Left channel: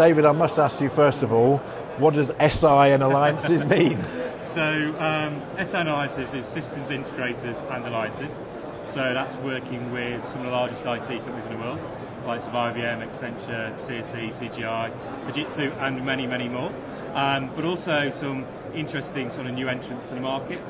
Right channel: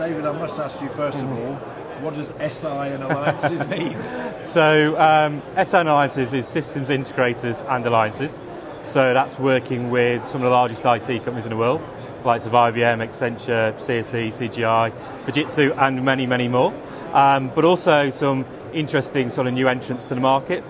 David, I must ask you first of all, what does SI and alliances mean? So SI and alliances is systems integrators and alliances. So that's working with some of the largest IT companies in the world, like of IBM, Accenture, CSE, CGI, Fujitsu, and many, many more. But also some interesting sort of new entrants to the market.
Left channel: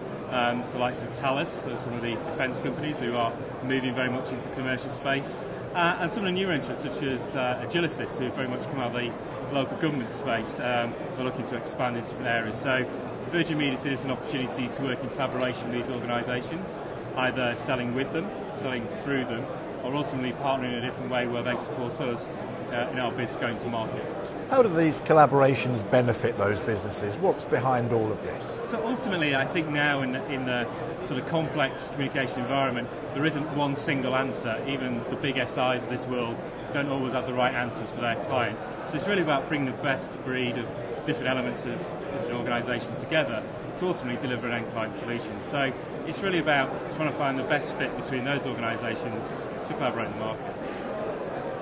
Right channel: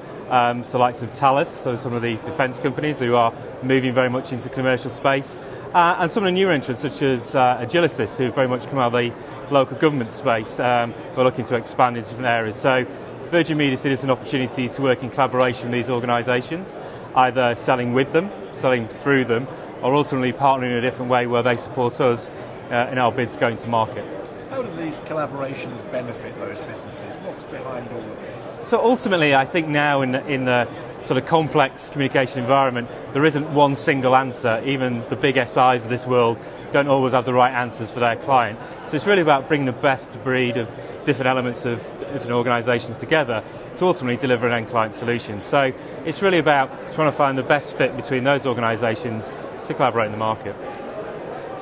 So likes of Thales, so some of the defence companies who are moving very much into the commercial space. And some of the new entrants such as Agilicis, who very much come out of the local government space, who are looking to expand into different areas. So Virgin Media sees it as an opportunity to work in collaboration with these organisations, either selling with them, selling through them, or ultimately partnering in a different way where they support us in our bids going to market. How do these collaborations benefit those businesses? What's behind all of this? So ultimately, I think now in the sort of complex communication environment, there isn't one single answer. Even the big SIs of this world don't always have the right answers for their client. So it's really about bringing the best breed of different elements of different organisations together to ultimately deliver an end client solution. So it's really about trying to find the best fit between those organisations to collaborate in the market.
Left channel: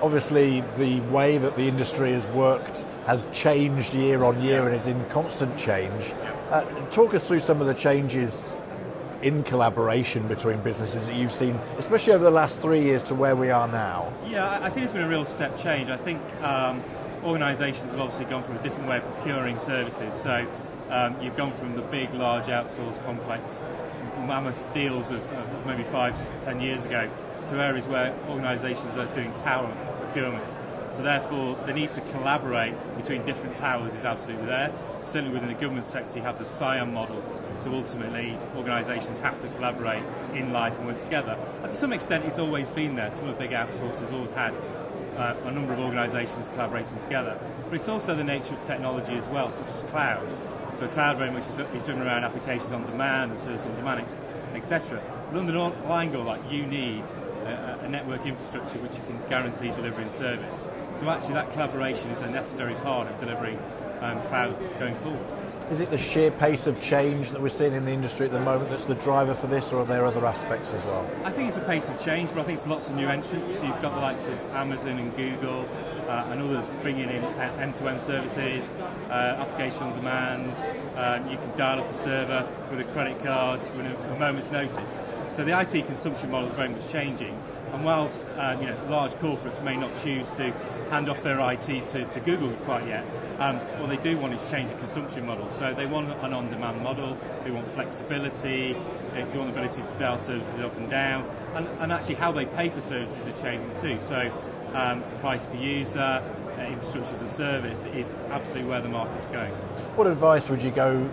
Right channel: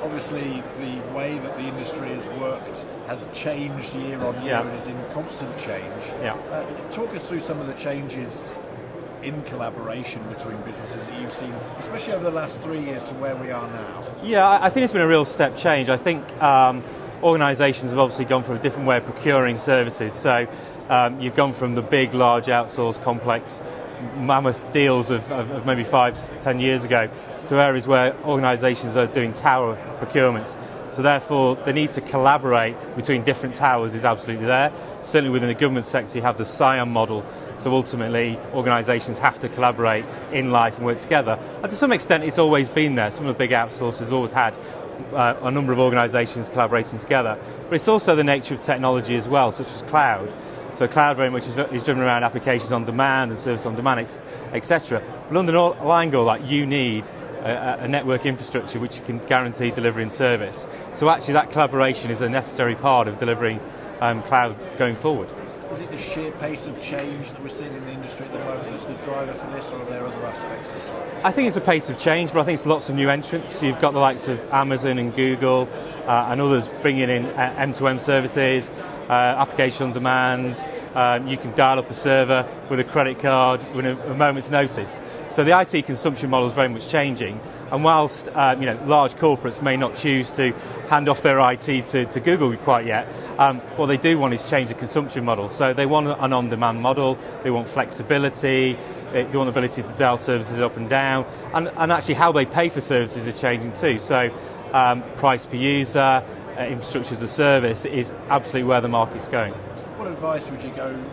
Obviously, the way that the industry has worked has changed year on year and is in constant change. Yeah. Talk us through some of the changes in collaboration between businesses that you've seen, especially over the last 3 years to where we are now. Yeah, I think it's been a real step change. I think organisations have obviously gone from a different way of procuring services. So you've gone from the big, large, outsourced, complex, mammoth deals of maybe 5-10 years ago to areas where organisations are doing tower procurements. So therefore, the need to collaborate between different towers is absolutely there. Certainly within the government sector, you have the SIAM model. So ultimately, organisations have to collaborate in life and work together. And to some extent, it's always been there. Some of the big outsourcers always had a number of organisations collaborating together. But it's also the nature of technology as well, such as cloud. So cloud very much is driven around applications on demand and service on demand, etc. But underlying all that, you need a network infrastructure which can guarantee delivery and service. So actually that collaboration is a necessary part of delivering cloud going forward. Is it the sheer pace of change that we're seeing in the industry at the moment that's the driver for this, or are there other aspects as well? I think it's a pace of change, but I think it's lots of new entrants. So you've got the likes of Amazon and Google and others bringing in end-to-end services, application on demand. You can dial up a server with a credit card with a moment's notice. So the IT consumption model is very much changing. And whilst large corporates may not choose to hand off their IT to Google quite yet, what they do want is change the consumption model. So they want an on-demand model, they want flexibility, they want the ability to dial services up and down, and actually how they pay for services is changing too. So price per user, infrastructure as a service is absolutely where the market's going. What advice would you go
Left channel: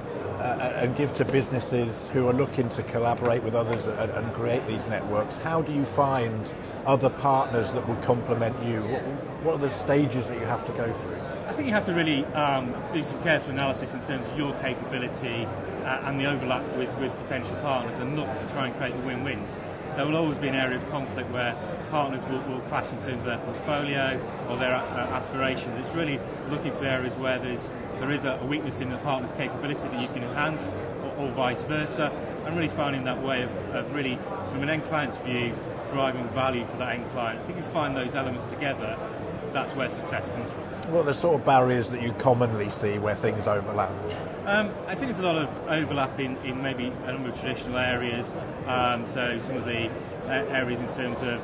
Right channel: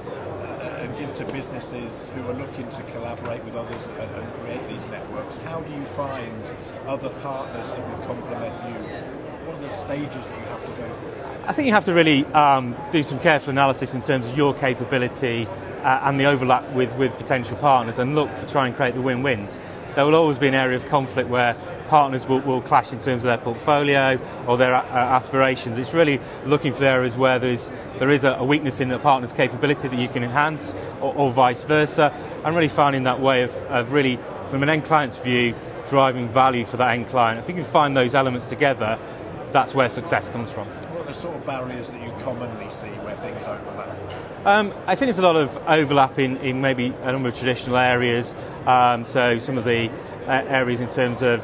and give to businesses who are looking to collaborate with others and create these networks? How do you find other partners that would complement you? What are the stages that you have to go through? I think you have to really do some careful analysis in terms of your capability and the overlap with potential partners, and look to try and create the win-wins. There will always be an area of conflict where partners will clash in terms of their portfolio or their aspirations. It's really looking for areas where there is a weakness in a partner's capability that you can enhance, or vice versa, and really finding that way of really, from an end client's view, driving value for that end client. I think if you find those elements together, that's where success comes from. What are the sort of barriers that you commonly see where things overlap? I think there's a lot of overlap in maybe a number of traditional areas. So some of the areas in terms of,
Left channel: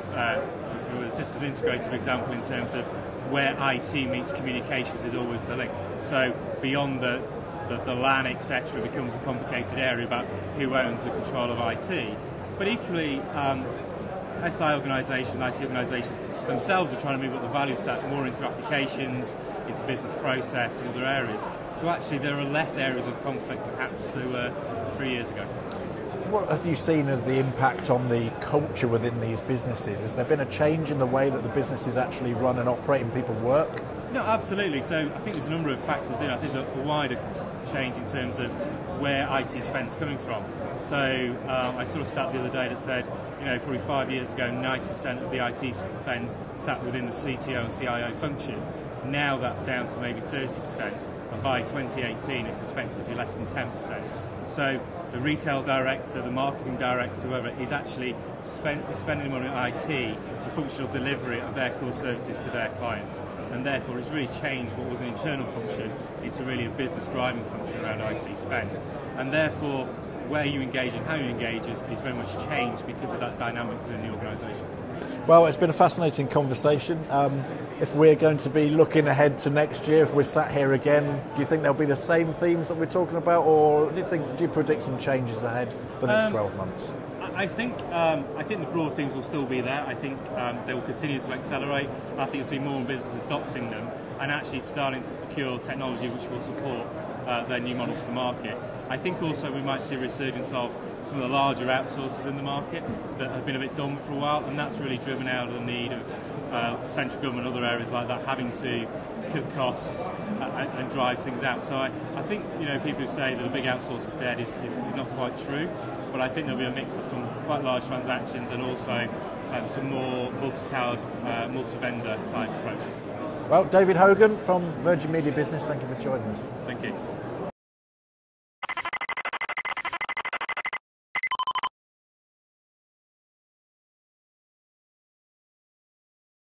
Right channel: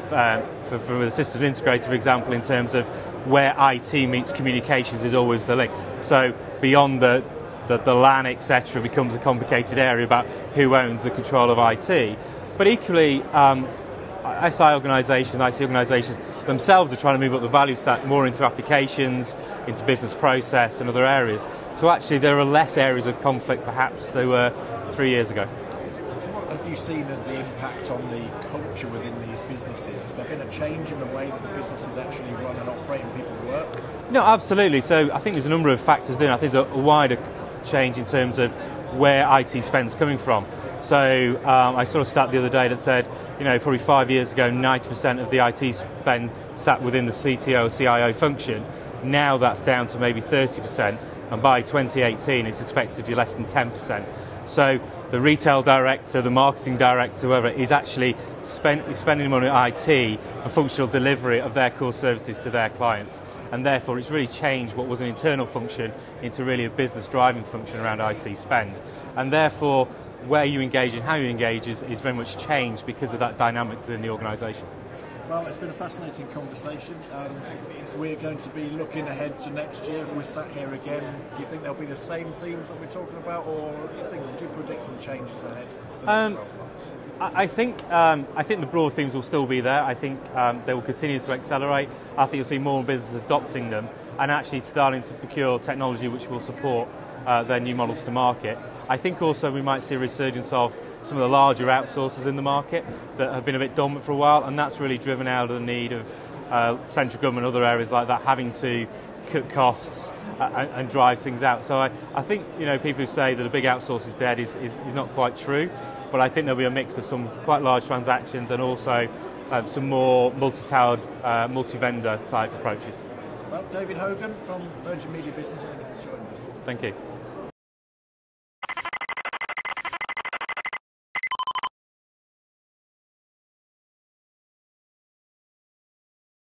for the system integrator, for example, in terms of where IT meets communications is always the link. So beyond the LAN, etc., becomes a complicated area about who owns the control of IT. But equally, SI organisations, IT organisations themselves are trying to move up the value stack more into applications, into business process and other areas. So actually there are less areas of conflict perhaps there were 3 years ago. What have you seen as the impact on the culture within these businesses? Has there been a change in the way that the businesses actually run and operate and people work? No, absolutely. So I think there's a number of factors in. I think there's a wider change in terms of where IT spend's coming from. So I saw a stat the other day that said, probably 5 years ago, 90% of the IT spend sat within the CTO or CIO function. Now that's down to maybe 30%, and by 2018 it's expected to be less than 10%. So the retail director, the marketing director, whoever, is actually spending money on IT for functional delivery of their core services to their clients. and therefore it's really changed what was an internal function into really a business driving function around IT spend. And therefore, where you engage and how you engage is very much changed because of that dynamic within the organisation. Well, it's been a fascinating conversation. If we're going to be looking ahead to next year, if we're sat here again, do you think there'll be the same themes that we're talking about, or do you predict some changes ahead for the next 12 months? I think the broad themes will still be there. I think they will continue to accelerate. I think you'll see more businesses adopting them and actually starting to procure technology which will support their new models to market. I think also we might see a resurgence of some of the larger outsourcers in the market that have been a bit dormant for a while, and that's really driven out of the need of central government and other areas like that having to cut costs and drive things out. So I think people who say that a big outsource is dead is not quite true, but I think there'll be a mix of some quite large transactions and also some more multi-towered, multi-vendor type approaches. Well, David Hogan from Virgin Media Business, thank you for joining us. Thank you.